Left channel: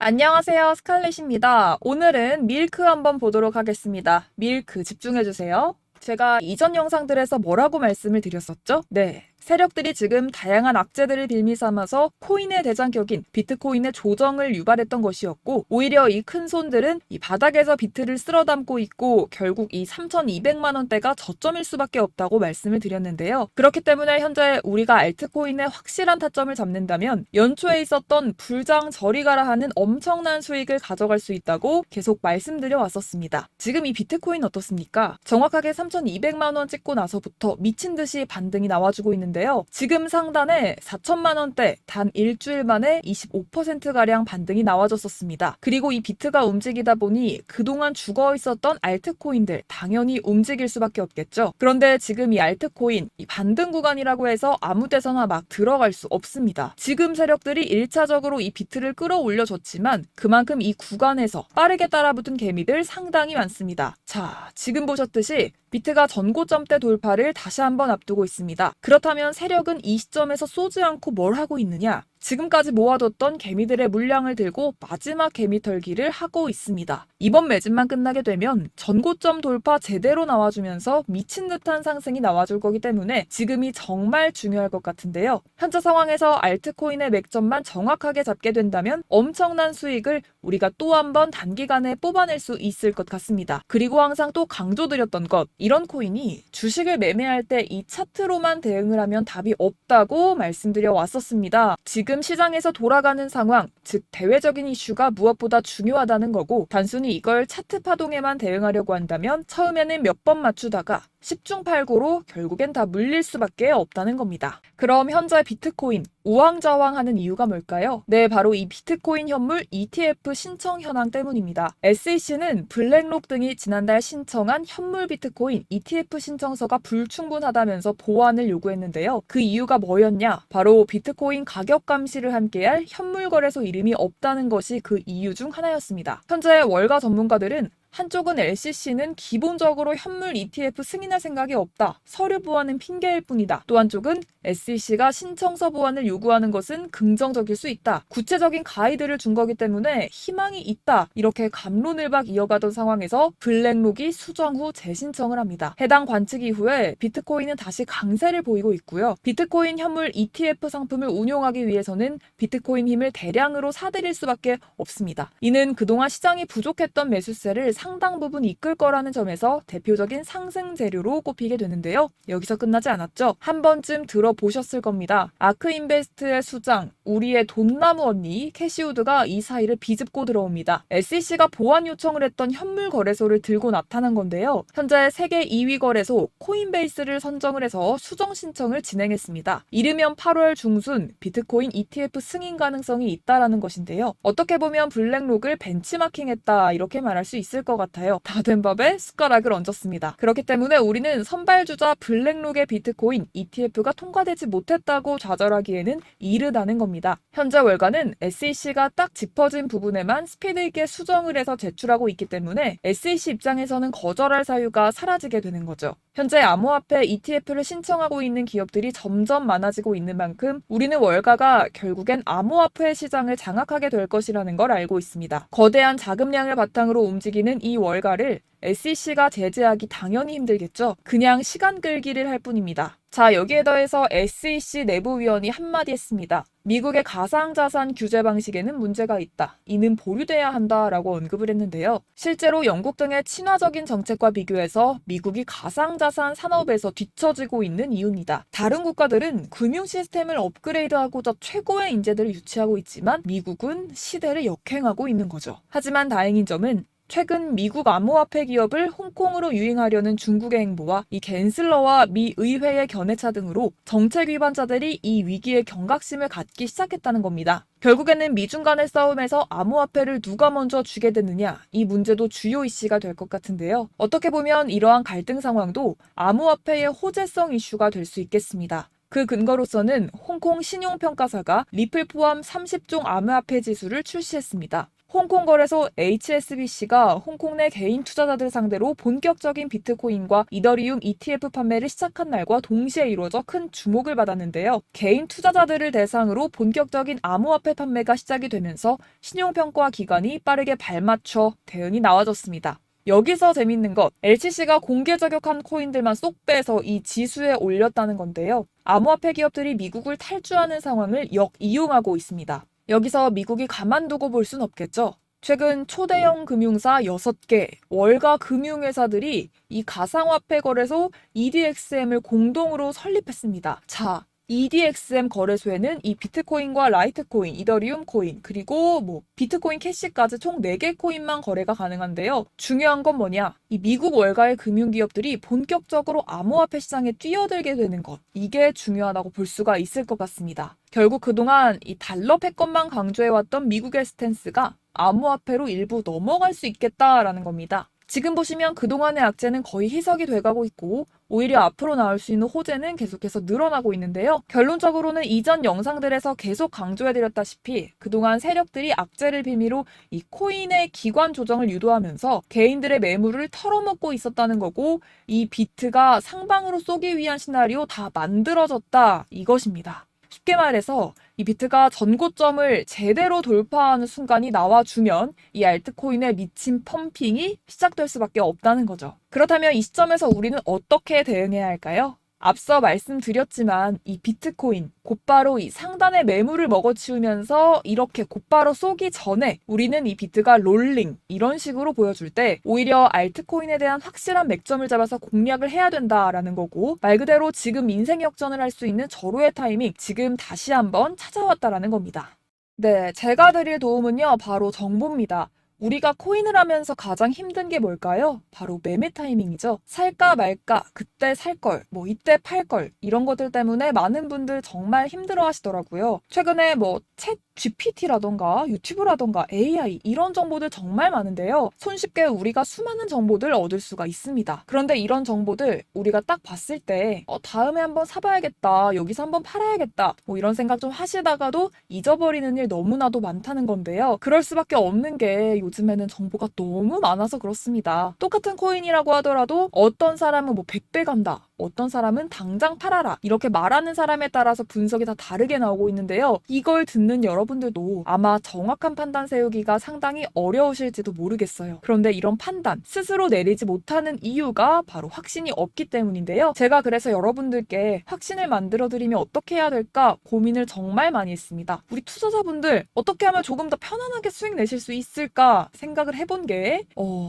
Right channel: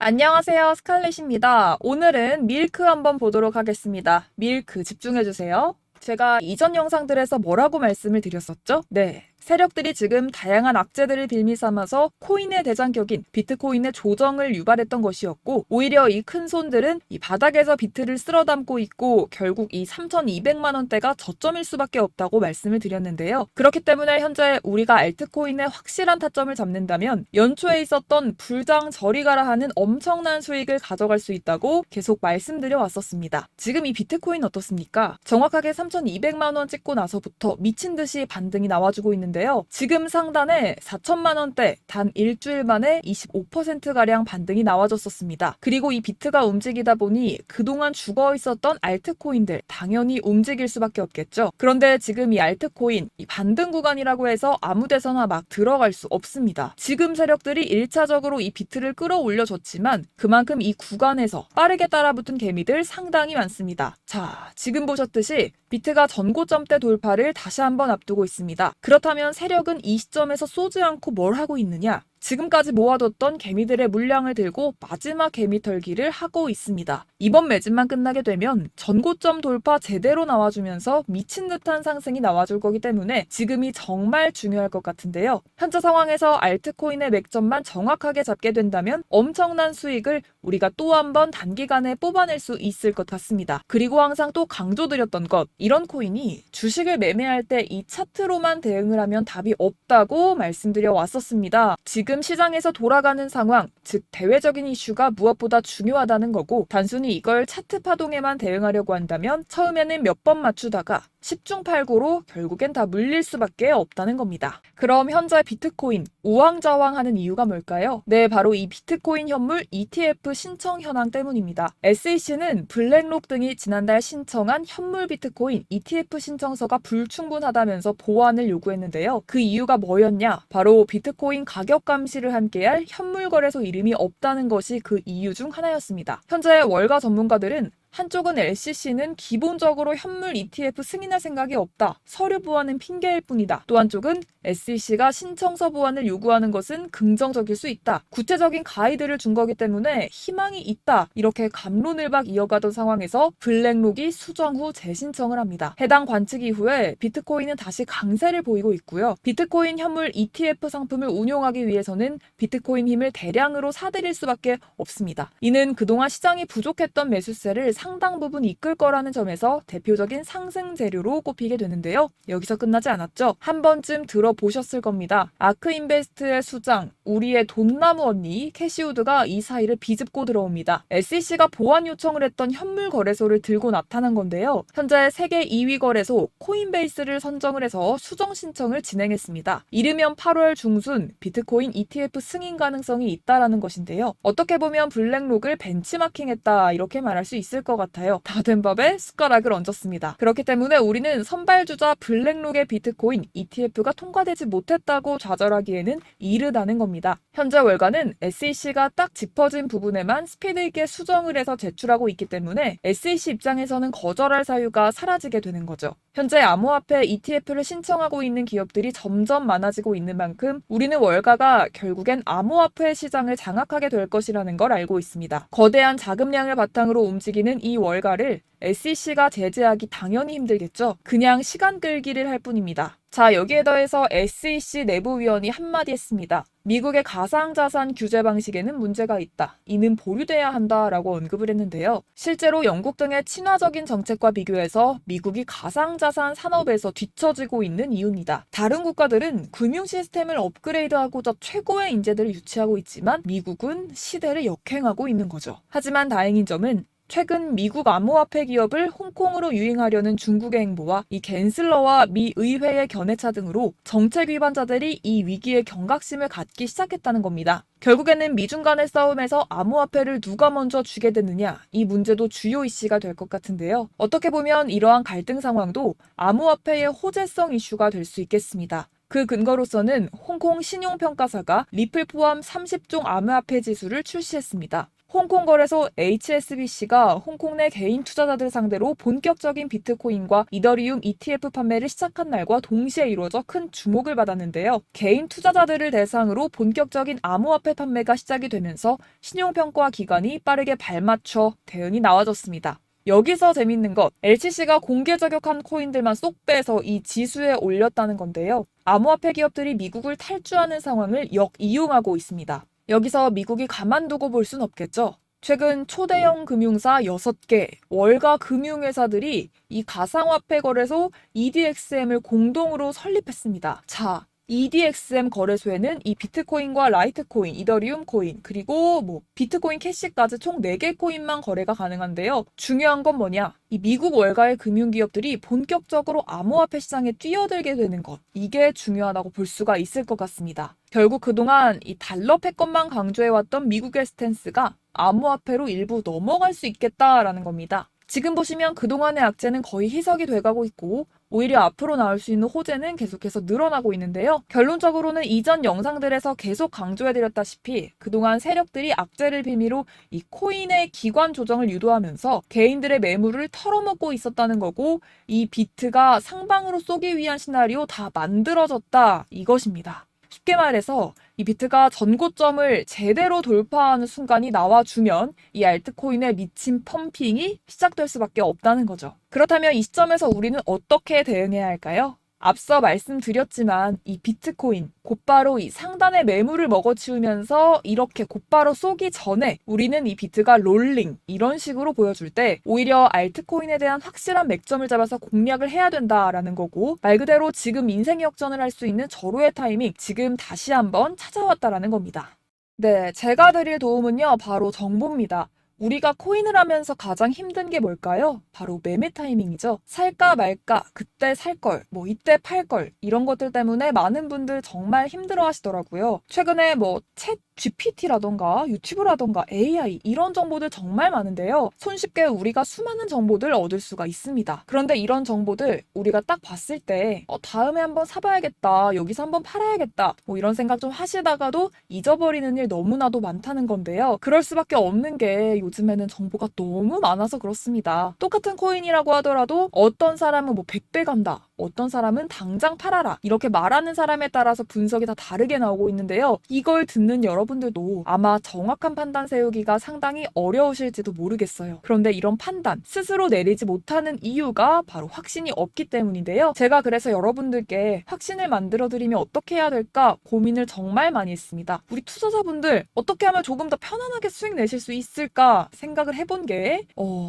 안녕하세요. 스칼렛입니다. 오늘은 밀크 한번 보도록 하겠습니다. 밀크 집중해주세요. 제가 이전 영상들에서 뭐라고 말씀을 드렸었죠? 네. 세력들이 지금 다양한 악재들을 빌미 삼아서 코인의 대장격인 비트코인의 조정을 유발했던 것이었고, 오히려 이 큰 손들은 이 바닥에서 비트를 쓸어 담고 있고 결국 이 3,200만 원대가 저점일 수밖에 없다고 말씀을 드렸는데요. 그렇기 때문에 현재 우리가 알트코인의 확실한 타점을 잡는다면 연초에 있었던 불장 저리 가라 하는 엄청난 수익을 가져갈 수 있다고 계속 말씀드려 왔었습니다. 지금 이 비트코인 어떻습니까? 정확하게 3,200만 원 찍고 나서부터 미친 듯이 반등이 나와주고 있는데요. 지금 상단에 4천만 원대 단 일주일 만에 25%가량 반등이 나와줬었습니다. 그리고 이 비트가 움직이다 보니 그동안 죽어 있었던 알트코인들 당연히 움직일 수밖에 없겠죠. 그런데 지금 이 알트코인 이 반등 구간이라고 해서 아무 데서나 막 들어갈 수 없습니다. 지금 세력들이 1차적으로 이 비트를 끌어올려줬지만 그만큼 이 구간에서 빠르게 따라붙은 개미들 상당히 많습니다. 자, 지금 보셨듯이 비트가 전고점대 돌파를 다시 한번 앞두고 있습니다. 그렇다면 세력은 이 시점에서 쏘지 않고 뭘 하고 있느냐? 지금까지 모아뒀던 개미들의 물량을 들고 마지막 개미 털기를 하고 있습니다. 이번 매집만 끝나게 되면 전고점 돌파 제대로 나와주면서 미친 듯한 상승이 나와줄 거기 때문에 지금이 정말 중요할 것 같은데요. 현재 상황에서 알트코인의 맥점만 정확하게 잡게 된다면 엄청난 수익을 우리가 또 한 번 단기간에 뽑아낼 수 있을 것 같습니다. 그리고 항상 또 강조드렸던 것, 이런 코인이 주식을 매매할 때 이 차트로만 대응을 하면 답이 없다고 말씀드려 왔었습니다. 지금 시장에서 돌아가는 상황, 즉 대외적인 이슈가 무엇보다 중요하다는 거고, 단순히 이걸 차트 파동에만 대응하려고 한다면 처음에는 몇 번 맞추다가 10중 8구로 결국엔 다 물릴 수밖에 없다는 겁니다. 그럼 현재 비트코인 우왕좌왕하는 이유가 뭘까요? 네, 바로 이 비트코인 현물 ETF 신청 현황 때문입니다. SEC는 블랙록 등이 지난달 신청한 현물 비트코인 ETF 신청서가 불충분하다면서 보완을 요구했는데요. 그 이유가 뭐였냐? 바로 비트코인 가격 감시를 함께할 현물 거래소 이름이 없다는 것이 그 이유 중 하나였습니다. 현재 월가 전문가들은 한쪽은 SEC는 기본적으로 현물 ETF 승인할 생각이 없다. 서류 보완은 핑계일 뿐이다. 또 한쪽은 SEC가 신청서 보완을 요구하는 것은 긍정적일 수 있다. 구체적인 가이드를 준 거기 때문에 희망이 있다. 이렇게 갑론을박 이어가던 상황에서 블랙록이 수정 후 재신청을 합니다. 해당 관측 이후에 비트코인은 다시 강세를 보이고 있고요. 비트코인 현물 ETF 상품을 운용하기 위해서는 비트코인 힘을 대량으로 사들일 수밖에 없습니다. 이는 그동안 시장이 부족했던 매수세를 상당 부분 이끌 거라는 점에서 대표적인 상승 재료로 꼽히게 되는데요. 여기서 끝나지 않았죠. 한 번쯤 들어보셨을 겁니다. 아크인베스트의 수장, 우리의 돈나무 언니 캐시우드가 이 사이를 비집고 들어옵니다. SEC가 보완 요청을 했던 현물 거래소를 들고 나타난 건데요. 현재 세계 2위 거래소 코인베이스를 선정을 해서 수정 신청을 진행했습니다. 이르면 8월 중순 비트코인 ETF 승인 가능성이 있다라는 것인데요. 어떻게 보면 블랙록을 벤치마킹했다 이렇게 말할 수 있을 것 같아요. 다 된 밥에 숟가락을 얹었습니다. 그렇기 때문에 우리는 선발주자 블랙록의 비트코인 ETF가 통과되지 못했다고 좌절하기에는 이르다는 겁니다. 현재 월가는 SEC가 딱 짚어진 부분에만 스피드 있게 수정을 해서 제출하고 있기 때문에 SEC 입장에서는 거절할 사유가 사라지게 되는 거죠. 현재 암호화폐 ETF를 신청하고 있는 기업들이 점점 많아지고 있는 만큼 우리는 월가가 결국엔 암호화폐 시장을 장악하게 될 것이라는 걸 알고 있습니다. 거대한 자금량을 바탕으로 움직이는 이 월가를 SEC가 제재하기 당연히 힘들겠죠. 그냥 시간 끌기를 할 뿐입니다. 자, 여기에 더해서 SEC 내부위원이 한마디 했습니다. 미국의 가상자산 규제 방식에는 문제가 있다. 이는 보류돼야 한다라고 언급을 했는데요. 실제로 영국 등의 친화적인 정책과 비교해서 미국이 가상자산 산업에서 뒤처지고 있는 이유입니다. 다른 국가들은 금융 시스템을 업그레이드하고자 최고의 인재들을 유치하고 있지만 미국은 시대를 역행하고 있는 거죠. 하지만 다행인 점은 최근 미국 암호화폐 기업을 홍콩으로 유인하려는 중국의 행보와 이 갠슬러와 미 의회의 견해차 등으로 정책 위반자들이 이 위기에 경각심을 갖기 시작했다는 겁니다. 결국에는 미중 간의 싸움에서 암호화폐를 누가 먼저 쥐게 되느냐, 이 문제도 주요 이슈가 될 것 같은데요. 어떻게 보면 이러한 갈등 상황도 암호화폐의 호재성 이슈가 될 수 있겠습니다. 그 근거로서는 홍콩 신용평가사가 리플 포함 30종 암호화폐 지수를 출시했습니다. 홍콩 거래소 HSBC가 홍콩 내 개인 투자자들 상대로 본격적인 비트코인과 이더리움 ETF 판매를 시작한 날과 동시에 이루어져 큰 주목을 받았는데요. 개인 투자자들을 대상으로 본격적인 암호화폐 판매가 시작이 되면서 신용평가 기관이 빠르게 발맞춰 대응이 나와줬습니다. 여기서 재밌는 것, LCC가 공개 저격한 코인들만 쏙 빼서 이 지수에 올렸다는 건데요. 암호화폐 기업들이 미국을 탈주하는 상황을 역이용하고 있습니다. 여기서 미국이 가만두고 볼 순 없겠죠. 최근 초대형 금융사 6개, 월가 금융회사들이 이 가상화폐 거래소 EDXM을 공동으로 설립했습니다. 자, EDXM 거래소에는 이 비트코인과 라이트코인, 이더리움 코인, 그리고 비트코인 캐시까지 총 4개 코인만 거래가 가능한데요. 중요한 건 뭐냐? 이 미국 월가의 금융기업들이 본격적으로 암호화폐 시장에 뛰어들게 되는 것. 이게 중요하다고 볼 수가 있을 것 같습니다. 결국 그동안 이 달러 패권만 강조해왔던 미국의 스탠스가 암호화폐로 일부 넘어갈 수 있겠다라는 겁니다. 지금 보시면 그동안의 악재는 거의 희석이 돼가고 있고 오히려 앞으로 나올 수 있는 호재는 계속해서 늘어나고 있는데요. 결론적으로는 이전 영상들에서 계속 강조해드렸다시피 그동안 세력들이 악재를 빌미로 이 코인의 기관 조정을 유도하면서 개인들의 매물을 털어먹고 있었다는 거고 이 비트가 상방으로 쏘기 위한 시나리오 다 만들어졌다 이것입니다. 쉽게 말해서 이 비트가 전고점을 제대로 돌파하는 순간이 나와주면 이 알트코인에 미친 펌핑이 시작될 수밖에 없다는 거죠. 그렇다면 이 시점에서 우리는 어떻게 대응해야 할까요? 앞서 말씀드렸지만 이 비트코인 곧바로 이 상단의 매물을 먹어치우면서 이렇게 곧바로 쏘기 전에 우리는 이 비트가 롤링 이런 식으로 보여줄 때 오히려 알트코인에 대한 확실한 맥점을 잡아서 공략을 해야 된다라는 거고 말 그대로 지금 인생 역전을 할 수 있는 절호의 타이밍 지금 다시 한번 찾아왔다라는 겁니다. 네, 제가 드릴 도움은요 바로 정보입니다. 우리가 코인을 하면서 가장 힘든 게 뭘까요? 바로 매매 타이밍이죠. 살까 말까, 그때 살 걸, 이때 팔 걸, 이런 것들 때문에 많은 분들 정말 힘들어 하시더라고요. 최근에 챗 GPT라던가 유튜브라던가 AI 이런 정보들 정말 많은데요. 손쉽게 우리가 수많은 정보들 얻을 수가 있습니다. 그런데 이런 정보들 우리가 딱 봤을 때 다음에 한번 사봐야겠다, 여기서 한번 팔아야겠다 이런 생각 좀 하시다가도 잊어버리는 일 너무나도 많다는 건데요. 그럴 수밖에 없는 게 요즘에는 정보가 너무 많아서 그렇습니다. 똑같은 코인이라고 하더라도 어떤 사람은 100배 간다, 어떤 사람은 당장 팔아라 이렇게 말하는 사람에 따라서 분석이 다 다르게 나오고 있는데요. 이걸 듣는 여러분들도 아마 정확한 판단 세우기가 상당히 어려우실지도 모르겠어요. 그런데 이런 판단 스스로 내리지 못하는 이유가 바로 확신이 없기 때문인데요. 제가 그래서 여러분들께 확신을 만들어드리면 어떻게 해야 될까 고민을 정말 많이 했습니다. 우리 투자자분들 어떻게 하면 조금 더 편안하게 수익 내실 수 있을까 생각을 해본 게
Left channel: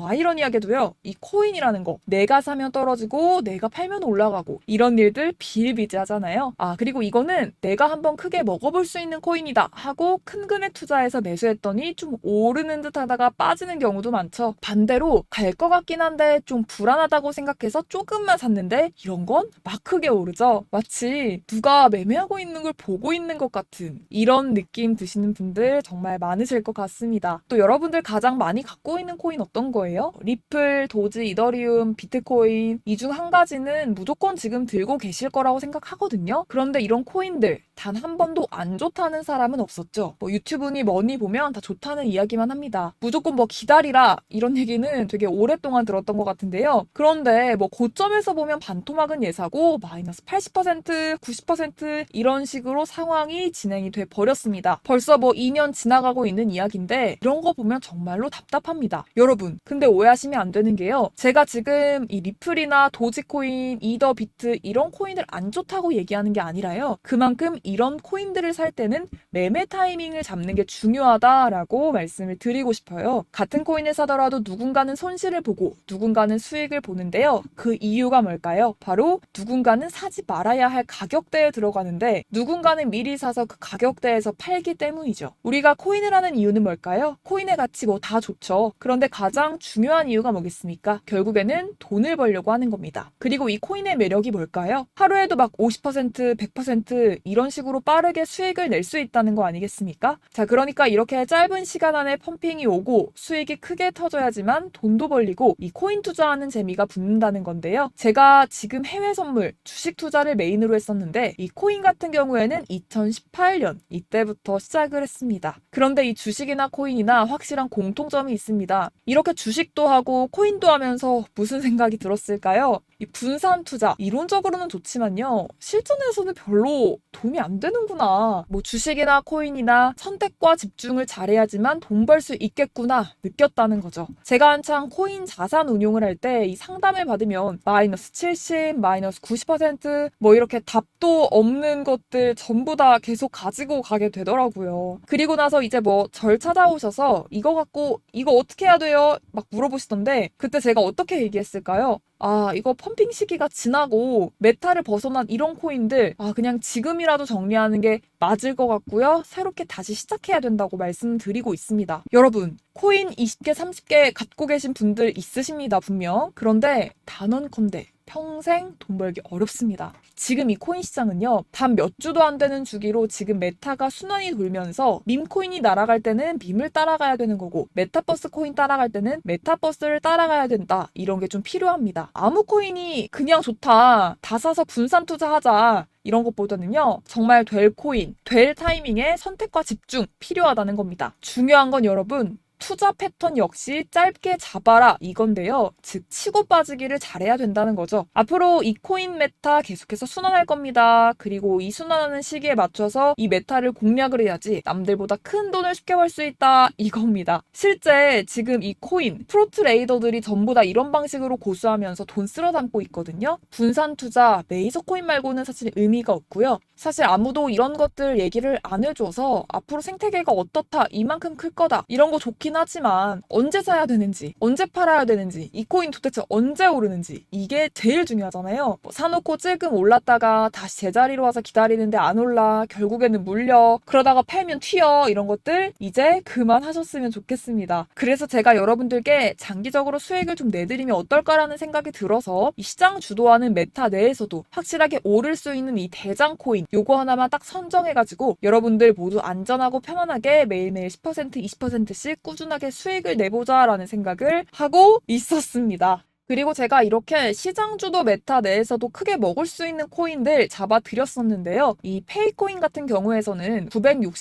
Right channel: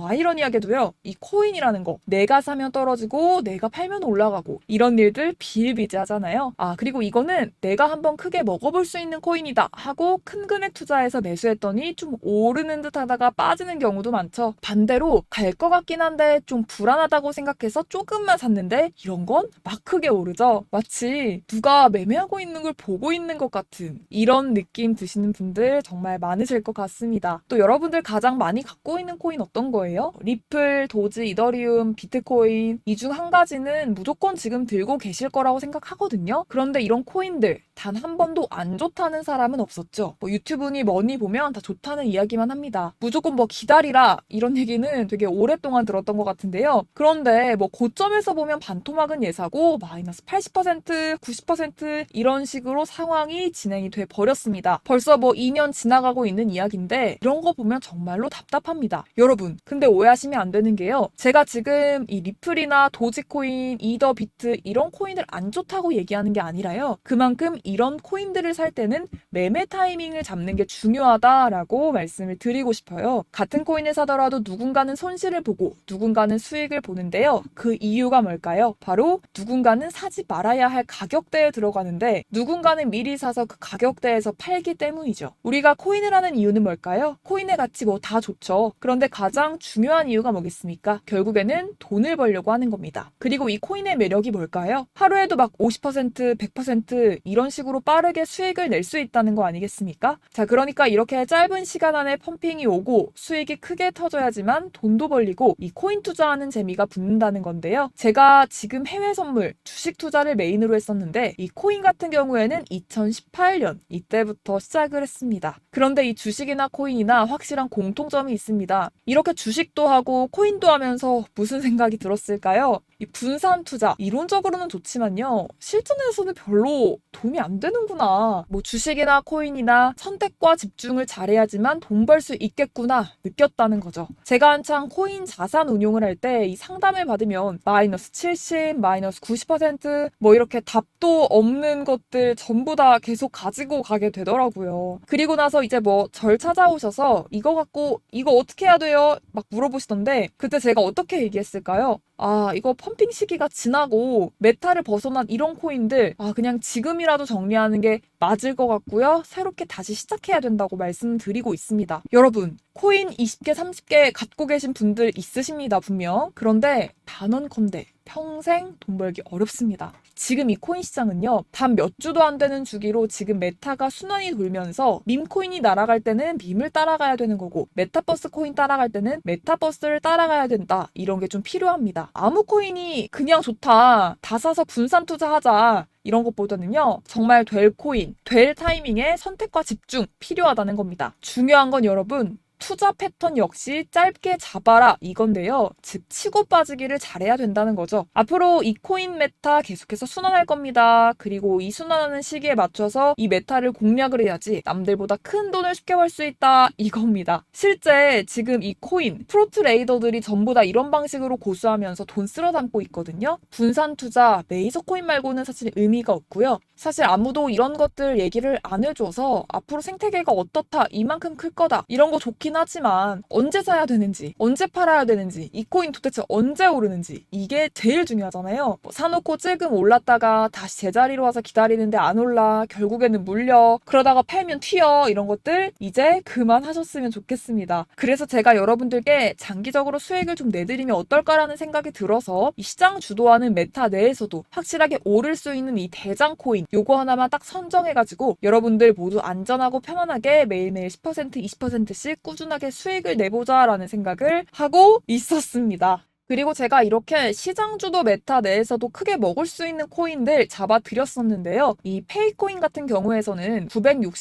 아이러니하게도요. 이 코인이라는 거 내가 사면 떨어지고 내가 팔면 올라가고 이런 일들 비일비재하잖아요. 그리고 이거는 내가 한번 크게 먹어볼 수 있는 코인이다 하고 큰 금액 투자해서 매수했더니 좀 오르는 듯 하다가 빠지는 경우도 많죠. 반대로 갈 것 같긴 한데 좀 불안하다고 생각해서 조금만 샀는데 이런 건 막 크게 오르죠. 마치 누가 매매하고 있는 걸 보고 있는 것 같은 이런 느낌 드시는 분들 정말 많으실 것 같습니다. 또 여러분들 가장 많이 갖고 있는 코인 어떤 거예요? 리플, 도지, 이더리움, 비트코인 이 중 한 가지는 무조건 지금 들고 계실 거라고 생각하거든요. 그런데 이런 코인들 단 한 번도 안 좋다는 사람은 없었죠. 유튜브니 뭐니 보면 다 좋다는 이야기만 합니다. 무조건 기다리라 이런 얘기는 되게 오랫동안 들었던 것 같은데요. 그런데 고점에서 보면 반토막은 예사고 마이너스 80%, 90% 이런 식으로 상황이 진행이 돼 버렸습니다. 벌써 2년 지나가고 있는 이야기인데 이런 거 보면 정말로 답답합니다. 여러분, 근데 오해하시면 안 되는 게요. 제가 지금 이 리플이나 도지코인, 이더, 비트 이런 코인들 안 좋다고 얘기하는 게 아니라요. 그만큼 이런 코인들을 살 때는 매매 타이밍을 잡는 게 중요하다라고 말씀을 드리고 싶어요. 같은 코인을 사더라도 누군가는 손실을 보고 누군가는 수익을 보는데요. 그 이유가 뭘까요? 바로 누군가는 사지 말아야 할 가격대에 들어가는데 누군가는 미리 사서 그 가격대에서 팔기 때문이죠. 우리가 코인을 하는 이유는 뭘까요? 코인의 가치 다 좋죠. 그런데 가장 중요한 이유가 뭐겠습니까? 결국에는 돈을 벌려고 하는 겁니다. 그리고 이 코인의 코인의 매력이 뭘까요? 하루에도 막 50%, 100% 이런 식으로 빠르게 수익을 낼 수 있다는 거 아니겠습니까? 자, 그러니까 이렇게 짧은 시간 안에 펌핑이 오고 수익이 크게 터져야지만 돈도 벌리고 이 코인 투자하는 재미가 붙는다는 건데요. 제가 지금 해외 선물, 주식 투자를 메인으로 했었는데 이 코인 같은 경우에는 2018년 이때부터 시작을 했습니다. 그런데 이 주식이나 코인이나 확실한 공통점이 있습니다. 이렇게 주식도 하고 코인도 하면서 무슨 생각이 들었을까요? 이 분산 투자, 이론적으로는 좋지만요. 실전에서는 별로 도움이 안 되는구나. 뭐 주식이나 코인이나 선택과 집중을 잘해야지만 돈 벌 수 있겠구나 느꼈다는 거죠. 제가 한창 코인 자산 운용을 할 때 이 상담을 받으면 마이너스 70, 마이너스 90%뭐 이렇게 답도 없는 것들 전부 다 계속 가지고 가게 되더라고요. 그리고 나서 이제 뭐 절 찾아오셔서 이거 갖고 이거 어떻게 해야 돼요? 막 물어보시던데 그때 제가 어떻게 얘기했을까요? 아, 이거 펌핑 시기가 지나고 메타를 벗어난 이런 코인들 그냥 지금이라도 정리하는 게 맞을 것 같고요. 새롭게 다시 시작해야 된다고 말씀드리고 있습니다. 여러분, 코인 20개, 30개 갖고 계신 분들 있으십니다, 분명. 그런데 단언컨대 평생 돈 벌기 어렵습니다. 지금 이 코인 시장은요, 단 몇 주도 안 되는 주기로 지금 메타가 순환이 돌면서 밈코인이 날아갈 때는 밈을 따라가야 되는 거고 메타버스 코인 따라갈 때는 메타버스를 따라가야 된다. 이런 게 좀 필요합니다. 아무 코인이 그냥 좋다. 다 사서 분산 투자하자. 이런 것보다는요, 정말 될 코인, 될 타이밍에 선택과 집중 필요하다는 겁니다. 중요한 건 여러분, 투자 패턴 역시 짧게 잡아라 이건데요. 즉 치고 빠지기를 잘해야 된다는 거죠. 앞으로 이 코인 메타 계속해서 순환할 겁니다. 그리고 이 순환하는 시기에 맞춰서 이 메타를 공략을 해야지 남들보다 큰 돈을 쉽게 벌 수 있다 이겁니다. 실제 지금 이 코인 프로트레이더들이 전부 다 이런 방식으로 고수하면서 돈 쓸어 담고 있거든요. 분산 투자, 메이저 코인 말고는 사실 의미가 없고요. 사실 아무도 이런 것들 얘기를 안 해줘서 앞으로 생태계가 어떻다, 이만큼 클 거다 이런 거 좋긴 하지만 언제 사야 되는지, 언제 팔아야 되는지, 이 코인 도대체 언제 오르는지 이게 제일 중요하잖아요. 뭐 사놓고 찔끔 올랐다가 다시 제자리로 와서 기다리는데 안 올라, 결국에는 물려, 그러다가 팔면 튀어 이런 것들 이제 그만하셨으면 좋겠습니다. 그래서 제가 여러분들께 장기적으로 수익을 좀 내드리면 어떨까라는 생각이 들어서 이 시장 주도하는 메타 내에서도 확실하게 오를 수 있는 이 대장 코인 요거 하나만 딱 선정해가지고 여러분들 모두 안전하고 편안하게 매일매일 10%, 20%씩 꾸준하게 수익을 내보자라는 생각을 하고 있었습니다. 그리고 제가 이렇게 시장 주도 메타 내에서도 크게 먹을 수 있는 코인들 잡아드렸었는데요. 이 페이코인 같은 경우에서는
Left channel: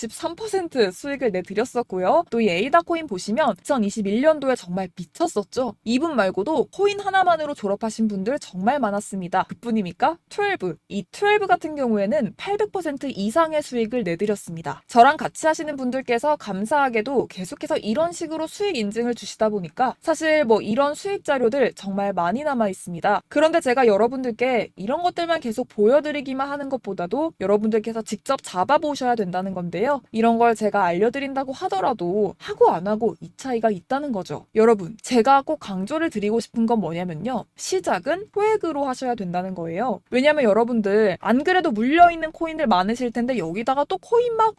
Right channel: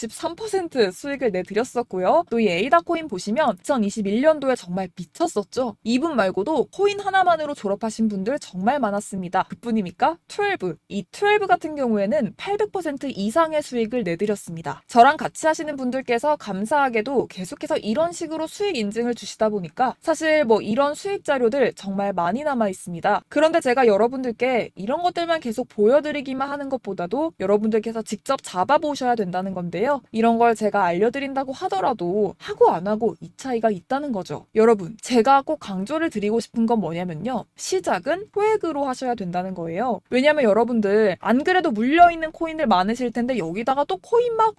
963% 수익을 내드렸었고요. 또 이 에이다 코인 보시면 2021년도에 정말 미쳤었죠. 이분 말고도 코인 하나만으로 졸업하신 분들 정말 많았습니다. 그뿐입니까? 12. 이 12 같은 경우에는 800% 이상의 수익을 내드렸습니다. 저랑 같이 하시는 분들께서 감사하게도 계속해서 이런 식으로 수익 인증을 주시다 보니까 사실 뭐 이런 수익 자료들 정말 많이 남아 있습니다. 그런데 제가 여러분들께 이런 것들만 계속 보여드리기만 하는 것보다도 여러분들께서 직접 잡아보셔야 된다는 건데요. 이런 걸 제가 알려드린다고 하더라도 하고 안 하고 이 차이가 있다는 거죠. 여러분, 제가 꼭 강조를 드리고 싶은 건 뭐냐면요. 시작은 소액으로 하셔야 된다는 거예요. 왜냐면 여러분들 안 그래도 물려있는 코인들 많으실 텐데 여기다가 또 코인 막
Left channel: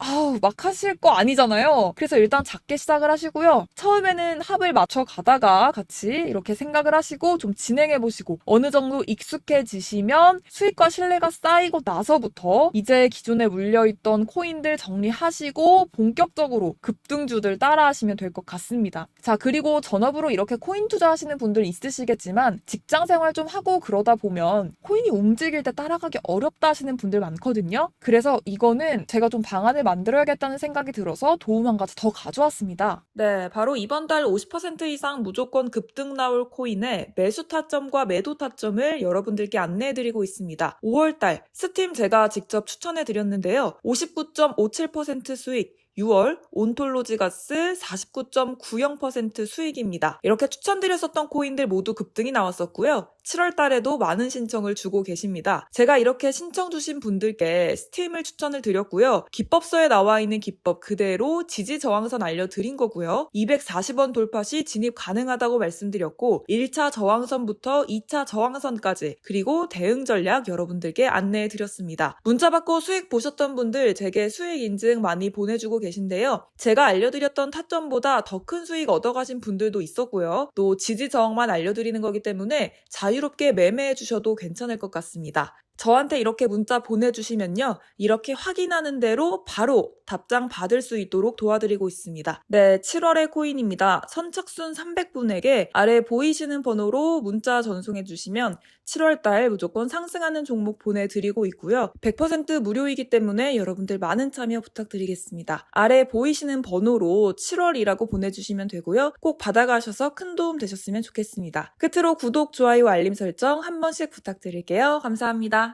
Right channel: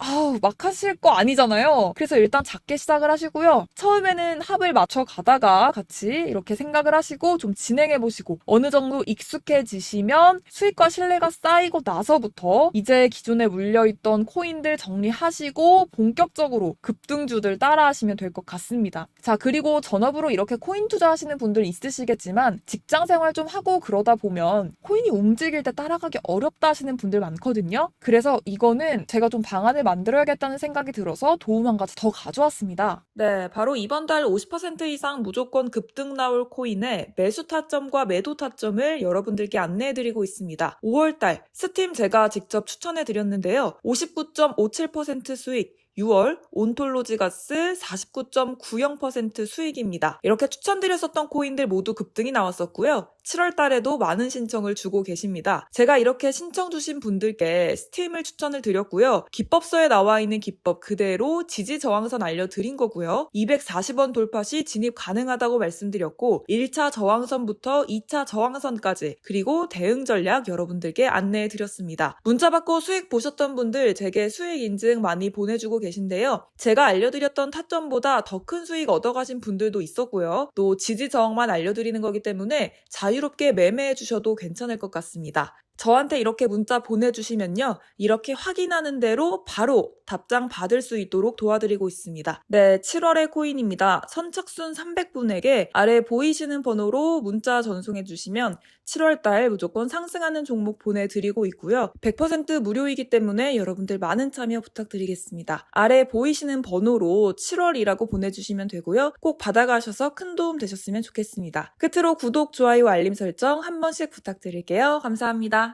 하실 거 아니잖아요. 그래서 일단 작게 시작을 하시고요. 처음에는 합을 맞춰 가다가 같이 이렇게 생각을 하시고 좀 진행해보시고 어느 정도 익숙해지시면 수익과 신뢰가 쌓이고 나서부터 이제 기존에 물려있던 코인들 정리하시고 본격적으로 급등주들 따라하시면 될 것 같습니다. 자, 그리고 전업으로 이렇게 코인 투자하시는 분들 있으시겠지만 직장 생활 좀 하고 그러다 보면 코인이 움직일 때 따라가기 어렵다 하시는 분들 많거든요. 그래서 이거는 제가 좀 방안을 만들어야겠다는 생각이 들어서 도움 한 가지 더 가져왔습니다. 네, 바로 이번 달 50% 이상 무조건 급등 나올 코인의 매수 타점과 매도 타점을 여러분들께 안내해드리고 있습니다. 5월달 스팀 제가 직접 추천해드렸는데요. 59.57% 수익, 6월 온톨로지가스 49.90% 수익입니다. 이렇게 추천드렸었던 코인들 모두 급등이 나왔었고요. 7월 달에도 많은 신청을 주고 계십니다. 제가 이렇게 신청 주신 분들께 스팀을 추천을 드렸고요. 기법서에 나와 있는 기법 그대로 지지 저항선 알려드린 거고요. 240원 돌파 시 진입 가능하다고 말씀드렸고 1차 저항선부터 2차 저항선까지 그리고 대응 전략 여러분들께 안내해 드렸습니다. 문자 받고 수익 보셨던 분들 제게 수익 인증 많이 보내주고 계신데요. 제가 알려드렸던 타점보다 더 큰 수익 얻어가신 분들도 있었고요. 또 지지 저항만 알려드리는 거기 때문에 자유롭게 매매해 주셔도 괜찮을 것 같습니다. 저한테 이렇게 문자 보내주시면요. 이렇게 확인하는 대로 바로 답장 받을 수 있도록 도와드리고 있습니다. 네, 7월의 코인입니다. 선착순 300분에게 아래 보이시는 번호로 문자 전송해 주시면 7월달 무조건 상승하는 종목 보내드리고 있고요. 100% 무료이기 때문에 여러분들 많은 참여 부탁드리겠습니다. 아래 보이시는 번호로 7월이라고 보내주시면 되고요. 꼭 받아가셔서 큰 도움 되셨으면 좋겠습니다. 끝으로 구독, 좋아요, 알림 설정 한 번씩 부탁드릴게요. 감사합니다.